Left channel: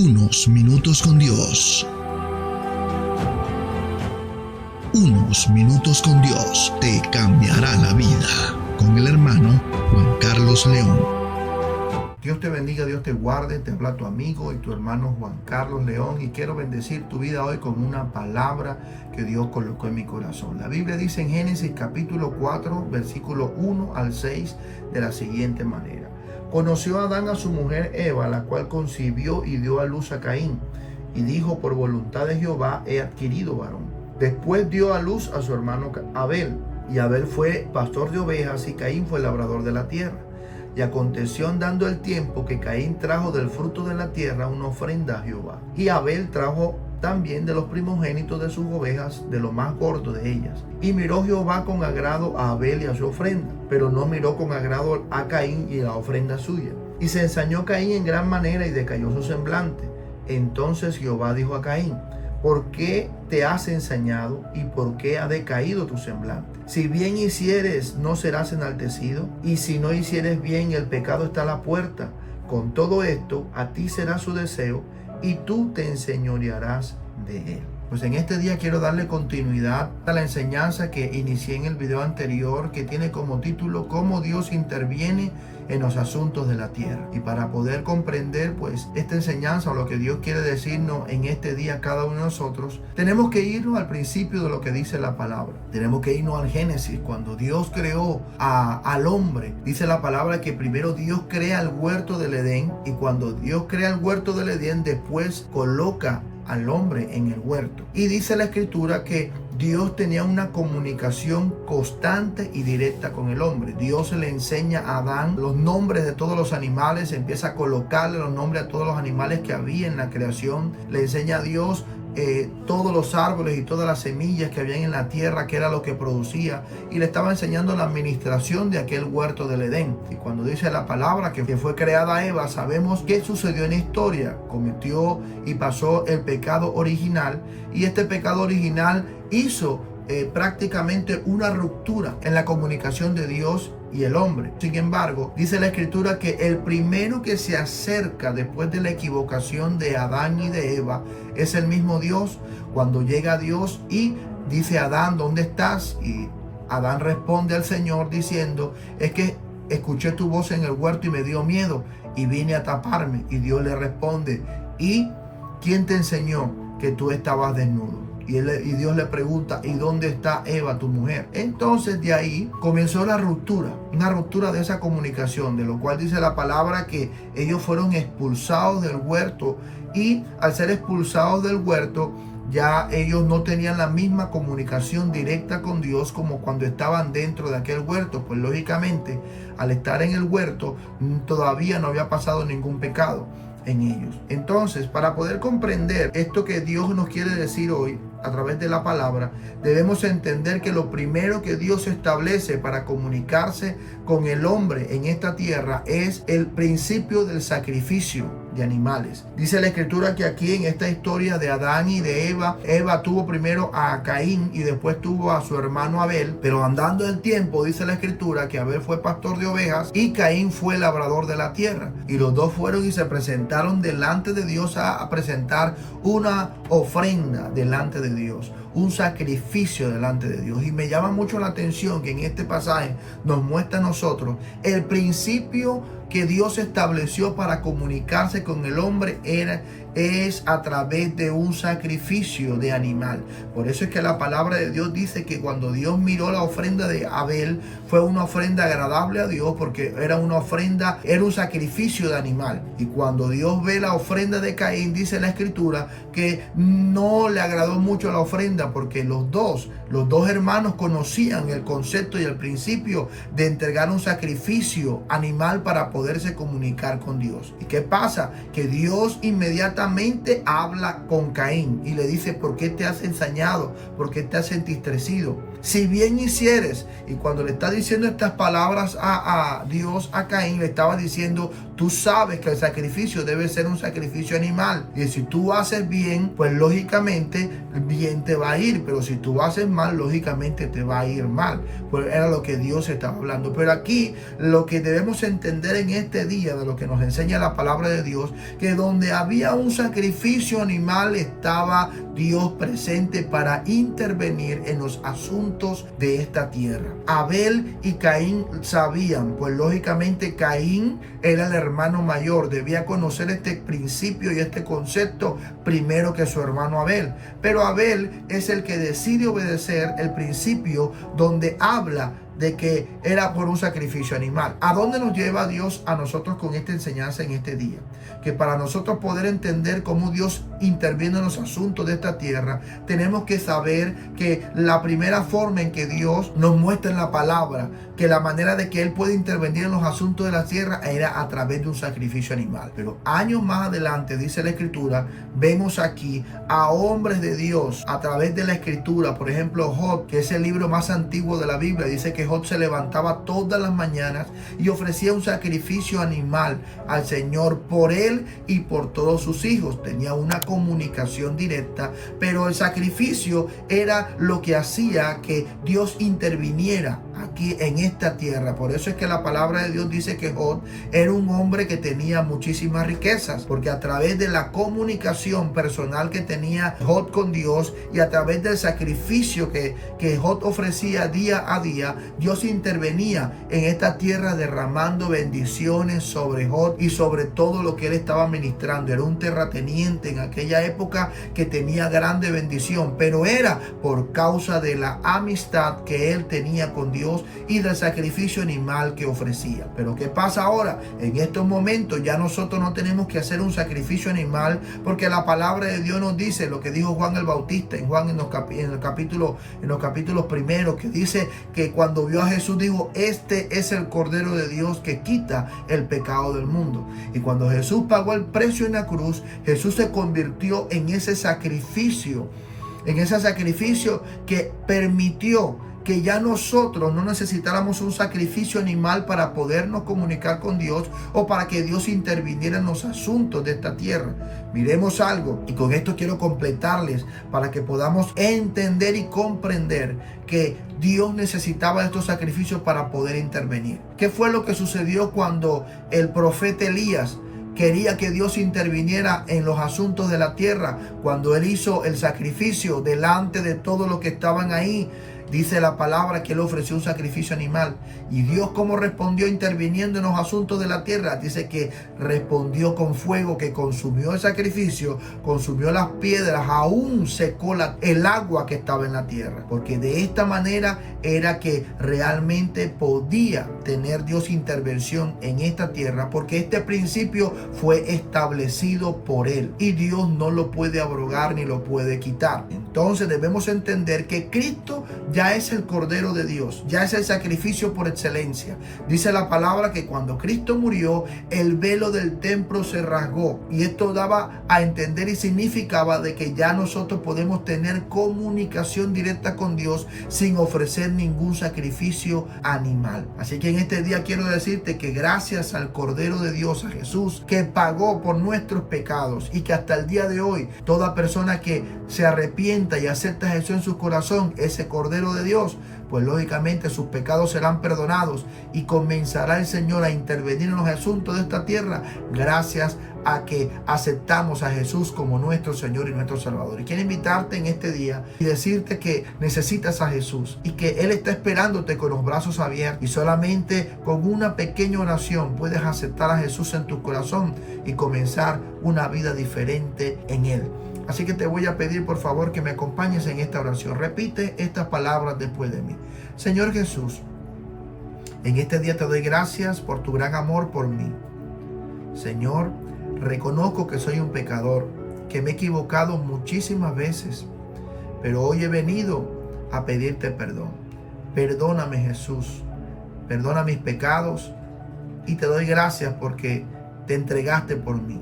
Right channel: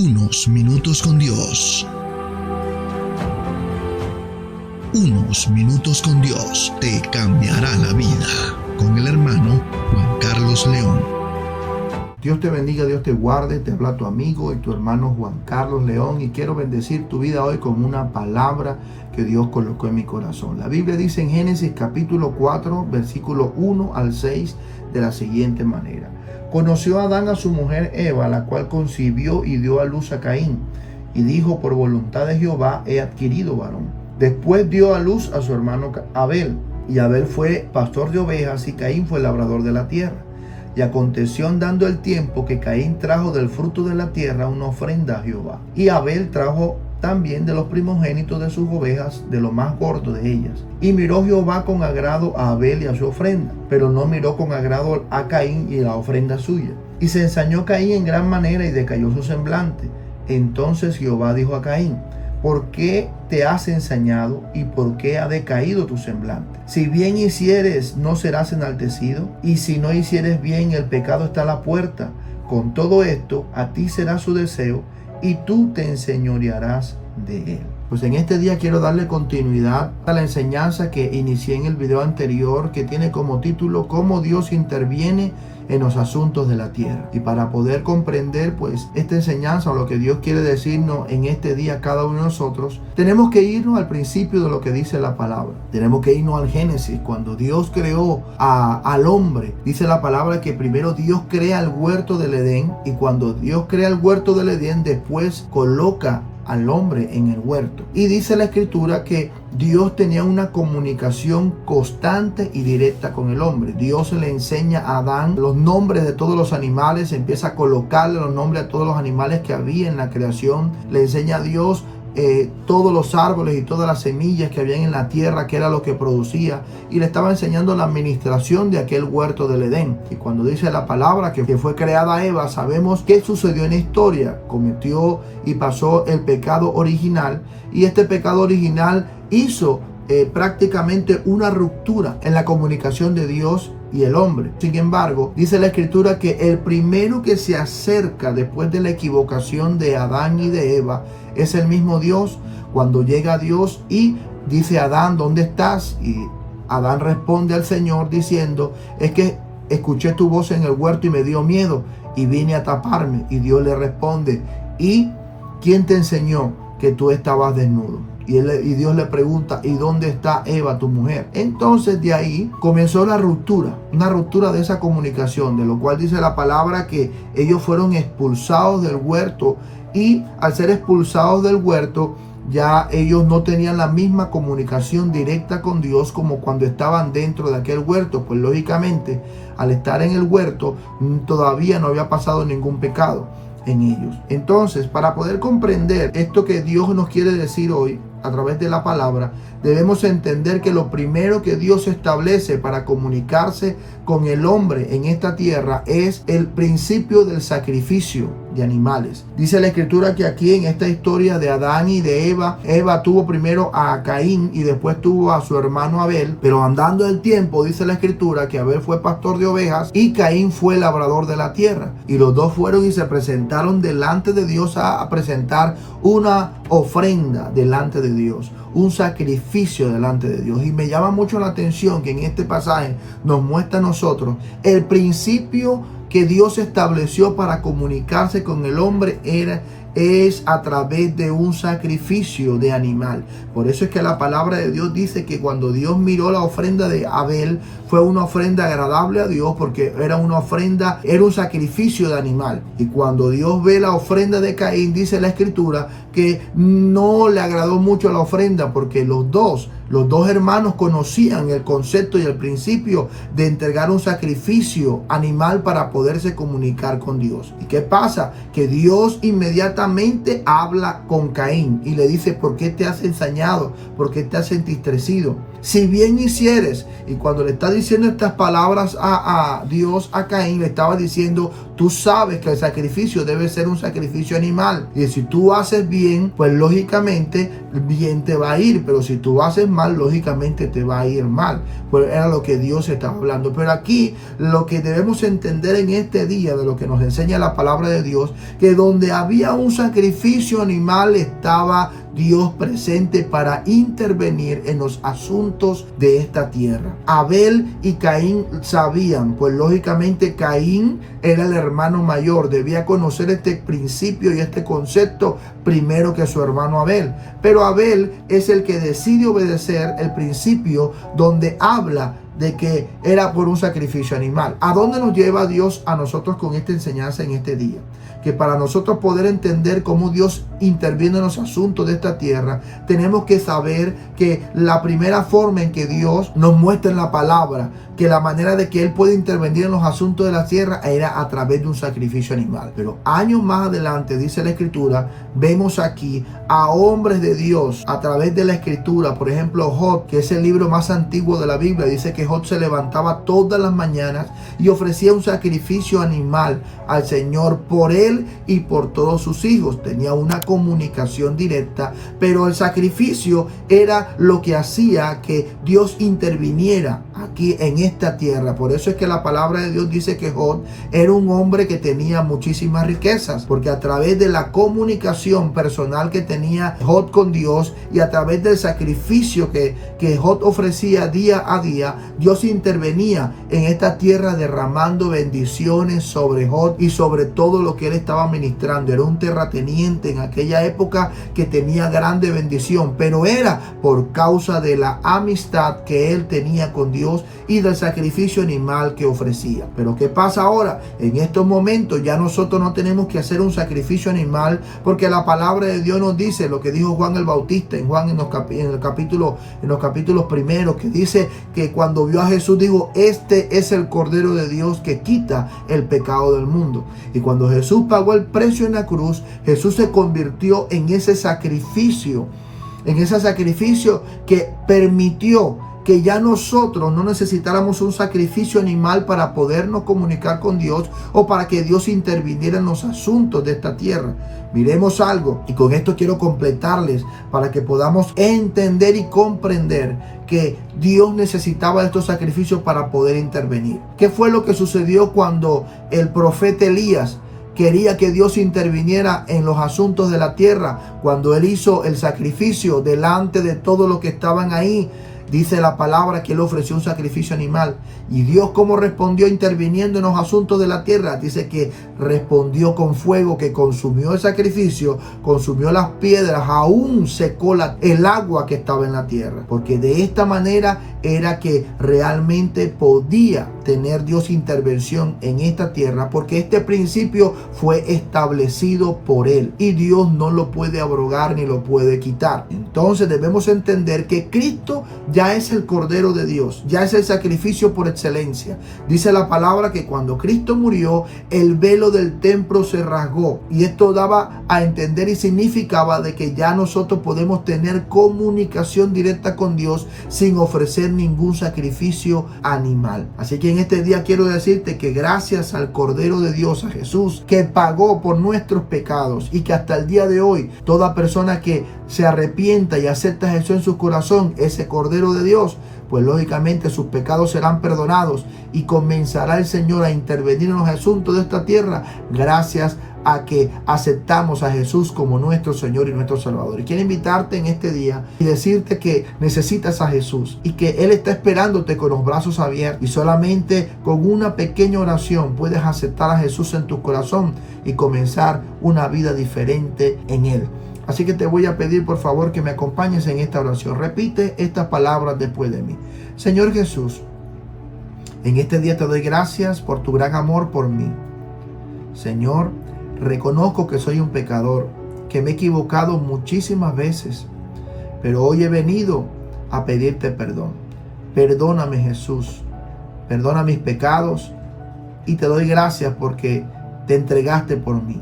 Unos minutos con Dios. Unos minutos con Dios te cambiará la vida. Con el hermano Juan Carlos León. Dios te bendiga, Dios te guarde. Te habla tu amigo y tu hermano Juan Carlos León, y quiero bendecir tu vida hoy con una palabra que Dios colocó en mi corazón. La Biblia dice en Génesis capítulo 4, versículo 1 al 6 de la siguiente manera: conoció Adán a su mujer Eva, la cual concibió y dio a luz a Caín, y dijo: por voluntad de Jehová he adquirido varón. Después dio a luz a su hermano Abel, y Abel fue pastor de ovejas y Caín fue labrador de la tierra. Y aconteció andando el tiempo que Caín trajo del fruto de la tierra una ofrenda a Jehová, y Abel trajo también de los primogénitos de sus ovejas, de lo más gordo de ellas. Y miró Jehová con agrado a Abel y a su ofrenda, pero no miró con agrado a Caín y la ofrenda suya. Y se ensañó Caín en gran manera y decayó su semblante. Entonces Jehová dijo a Caín: ¿por qué te has ensañado y por qué ha decaído tu semblante? Si bien hicieres, no serás enaltecido, y si no hicieres bien, el pecado está a la puerta. Con todo esto, a ti será su deseo, y tú te enseñorearás de él. Pues en este día quiero darle continuidad a la enseñanza que inicié en el video anterior, que tiene como título "Cómo Dios interviene en los asuntos de la tierra". Y para poder comprender pues esta enseñanza, o lo que Dios quiere decirnos en este día a cada uno de nosotros, tenemos que irnos al principio de lo que dice la palabra. Tenemos que irnos al Génesis, cuando Dios creó al hombre. Dice la palabra que primero Dios crea el huerto del Edén, y cuando Dios crea el huerto del Edén, después coloca al hombre en el huerto. Y dice la escritura que Dios tenía una comunicación constante y directa con el hombre. Dios le enseña a Adán los nombres de todos los animales, empieza a colocarle los nombres a todos los animales que había en la creación. Le enseña a Dios todos los árboles y todas las semillas que habían en la tierra, que era lo que producía, y le estaba enseñando la administración de aquel huerto del Edén. Y cuando dice la palabra que fue creada Eva, sabemos qué sucedió en la historia. Cometió y pasó el pecado original, y este pecado original hizo prácticamente una ruptura en la comunicación de Dios y el hombre. Sin embargo, dice la escritura que el primero que se acerca después de la equivocación de Adán y de Eva es el mismo Dios. Cuando llega Dios y dice: Adán, ¿dónde estás? Y Adán responde al Señor diciendo: es que escuché tu voz en el huerto y me dio miedo y vine a taparme. Y Dios le responde: ¿y quién te enseñó que tú estabas desnudo? Y Dios le pregunta: ¿y dónde está Eva, tu mujer? Entonces de ahí comenzó la ruptura, una ruptura de esa comunicación, de lo cual dice la palabra que ellos fueron expulsados del huerto, y al ser expulsados del huerto, ya ellos no tenían la misma comunicación directa con Dios como cuando estaban dentro de aquel huerto. Pues lógicamente, al estar en el huerto, todavía no había pasado ningún pecado en ellos. Entonces, para poder comprender esto que Dios nos quiere decir hoy a través de la palabra, debemos entender que lo primero que Dios establece para comunicarse con el hombre en esta tierra es el principio del sacrificio de animales. Dice la escritura que aquí en esta historia de Adán y de Eva tuvo primero a Caín y después tuvo a su hermano Abel, pero andando el tiempo, dice la escritura que Abel fue pastor de ovejas y Caín fue labrador de la tierra, y los dos fueron y se presentaron delante de Dios a presentar una ofrenda delante de Dios, un sacrificio delante de Dios. Y me llama mucho la atención que en este pasaje nos muestra a nosotros el principio que Dios estableció para comunicarse con el hombre es a través de un sacrificio de animal. Por eso es que la palabra de Dios dice que cuando Dios miró la ofrenda de Abel, fue una ofrenda agradable a Dios, porque era una ofrenda, era un sacrificio de animal. Y cuando Dios ve la ofrenda de Caín, dice la escritura que no le agradó mucho la ofrenda, porque los dos hermanos conocían el concepto y el principio de entregar un sacrificio animal para poderse comunicar con Dios. ¿Y qué pasa? Que Dios inmediatamente habla con Caín y le dice: ¿por qué te has ensañado? ¿Por qué te has entristecido? si bien hicieres. Y cuando le está diciendo estas palabras a Dios, a Caín, le estaba diciendo, tú sabes que el sacrificio debe ser un sacrificio animal. Y si tú haces bien, pues lógicamente bien te va a ir. Pero si tú haces mal, lógicamente te va a ir mal. Pues era lo que Dios estaba hablando. Pero aquí lo que debemos entender en este día, de lo que nos enseña la palabra de Dios, que donde había un sacrificio animal estaba Dios presente para intervenir en los asuntos de esta tierra. Abel y Caín sabían, pues lógicamente Caín era el hermano mayor, debía conocer este principio y este concepto primero que su hermano Abel. Pero Abel es el que decide obedecer el principio donde habla de que era por un sacrificio animal. ¿A dónde nos lleva Dios a nosotros con esta enseñanza en este día? Que para nosotros poder entender cómo Dios interviene en los asuntos de esta tierra, tenemos que saber que la primera forma en que Dios nos muestra en la palabra que la manera de que Él puede intervenir en los asuntos de la tierra era a través de un sacrificio animal. Pero años más adelante, dice la Escritura, vemos aquí a hombres de Dios a través de la Escritura. Por ejemplo, Job, que es el libro más antiguo de la Biblia, dice que Job se levantaba todas las mañanas y ofrecía un sacrificio animal al Señor por él y por todos sus hijos. Tenía una comunicación directa, pero el sacrificio era lo que hacía que Dios interviniera aquí en esta tierra. Por eso es que la palabra de Dios dice que Job era un hombre que tenía muchísimas riquezas, porque a través de la comunicación personal que tenía Job con Dios y a través del sacrificio que Job ofrecía día a día, Dios intervenía en esta tierra derramando bendiciones sobre Job y sobre todo lo que él estaba ministrando. Era un terrateniente en aquella época que tenía grande bendición, pero era por causa de la amistad que él tenía con Dios y del sacrificio animal que ofrecía. Pero ¿qué pasa ahora? En estos momentos ya nosotros no tenemos que hacer un sacrificio animal, porque la palabra de Dios nos dice lo que dijo Juan el Bautista en los capítulos primeros, que dice que cuando vio a Jesús dijo, este es el Cordero de Dios que quita el pecado del mundo. Y cuando Jesús pagó el precio en la cruz, Jesús se convirtió en ese sacrificio que permitió que ya nosotros no necesitáramos un sacrificio animal para podernos comunicar con Dios o para que Dios interviniera en los asuntos de esta tierra. Miremos algo, y con esto quiero completarles para que podamos entender y comprender que Dios necesitaba estos sacrificios para poder intervenir. ¿Qué fue lo que sucedió cuando el profeta Elías quería que Dios interviniera en los asuntos de la tierra? Cuando él hizo el sacrificio delante de todos los que estaban ahí, dice la palabra que él ofreció un sacrificio animal. Y Dios, ¿cómo respondió interviniendo en los asuntos de la tierra? Dice que respondió con fuego que consumió el sacrificio, consumió las piedras, aún secó el agua que estaba en la tierra. Porque de esta manera era que realmente podía tener Dios intervención en esta tierra, porque este principio fue establecido por él y Dios no lo puede abrogar ni lo puede quitar. Entonces debemos entender que Cristo ya es el Cordero de Dios, ya es el sacrificio por excelencia. Dice la palabra que cuando Cristo murió, el velo del templo se rasgó, y esto daba a entender y significaba de que ya nosotros podemos tener comunicación directa con Dios sin ofrecer ningún sacrificio animal. Así que en este día quiero decirte que gracias al Cordero de Dios, a Jesús, que pagó por nuestros pecados, y que hasta el día de hoy toda persona que se arrepienta y acepta a Jesús en su corazón, ese Cordero de Dios, pues lógicamente sus pecados serán perdonados y comenzará el Señor a intervenir en los asuntos de esta tierra gracias a que aceptamos a Jesús como nuestro Señor y nuestro Salvador. Y quiero invitarte en este día y decirte que necesitas a Jesús y que Él está esperándote con los brazos abiertos, y solamente con una pequeña oración puedes aceptar a Jesús en tu corazón y comenzar una vida diferente en Él. Así que te voy a pedir por favor que me acompañes en esta oración. Repite estas palabras después de mí. Señor Jesús, en este día te doy gracias por tu gran amor por mí. Señor, reconozco que soy un pecador, que me he equivocado muchísimas veces, pero hoy he venido a pedirte perdón. Perdóname, Jesús, perdona mis pecados, y te doy gracias porque te entregaste por mí.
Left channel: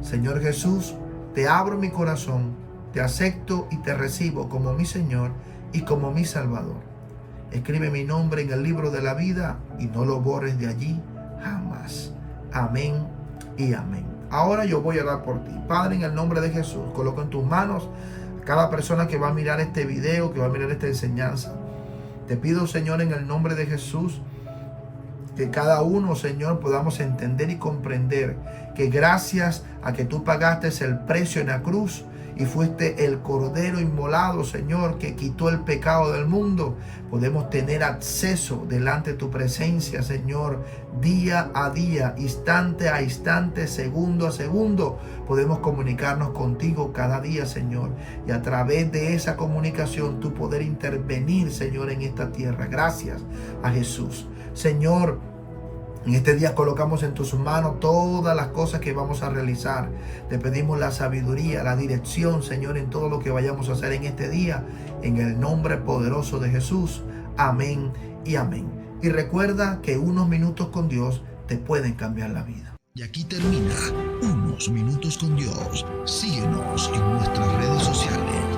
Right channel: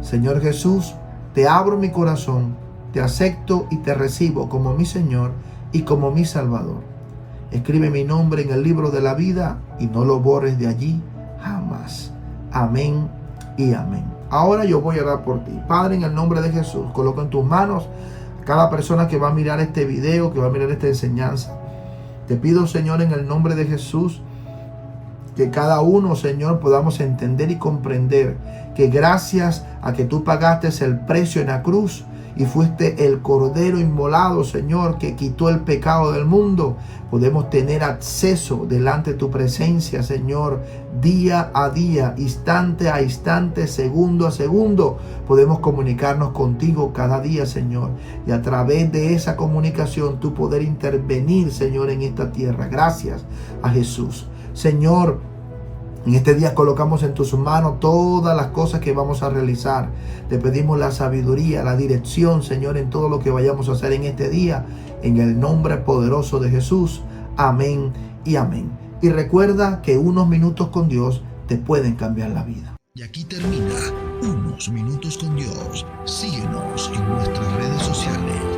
Señor Jesús, te abro mi corazón, te acepto y te recibo como mi Señor y como mi Salvador. Escribe mi nombre en el libro de la vida y no lo borres de allí jamás. Amén y amén. Ahora yo voy a orar por ti. Padre, en el nombre de Jesús, coloco en tus manos a cada persona que va a mirar este video, que va a mirar esta enseñanza. Te pido, Señor, en el nombre de Jesús, que cada uno, Señor, podamos entender y comprender que gracias a que tú pagaste el precio en la cruz y fuiste el cordero inmolado, Señor, que quitó el pecado del mundo, podemos tener acceso delante de tu presencia, Señor, día a día, instante a instante, segundo a segundo. Podemos comunicarnos contigo cada día, Señor, y a través de esa comunicación tú poder intervenir, Señor, en esta tierra. Gracias a Jesús. Señor, en este día colocamos en tus manos todas las cosas que vamos a realizar. Te pedimos la sabiduría, la dirección, Señor, en todo lo que vayamos a hacer en este día. En el nombre poderoso de Jesús. Amén y amén. Y recuerda que unos minutos con Dios te pueden cambiar la vida. Y aquí termina Unos Minutos con Dios. Síguenos en nuestras redes sociales.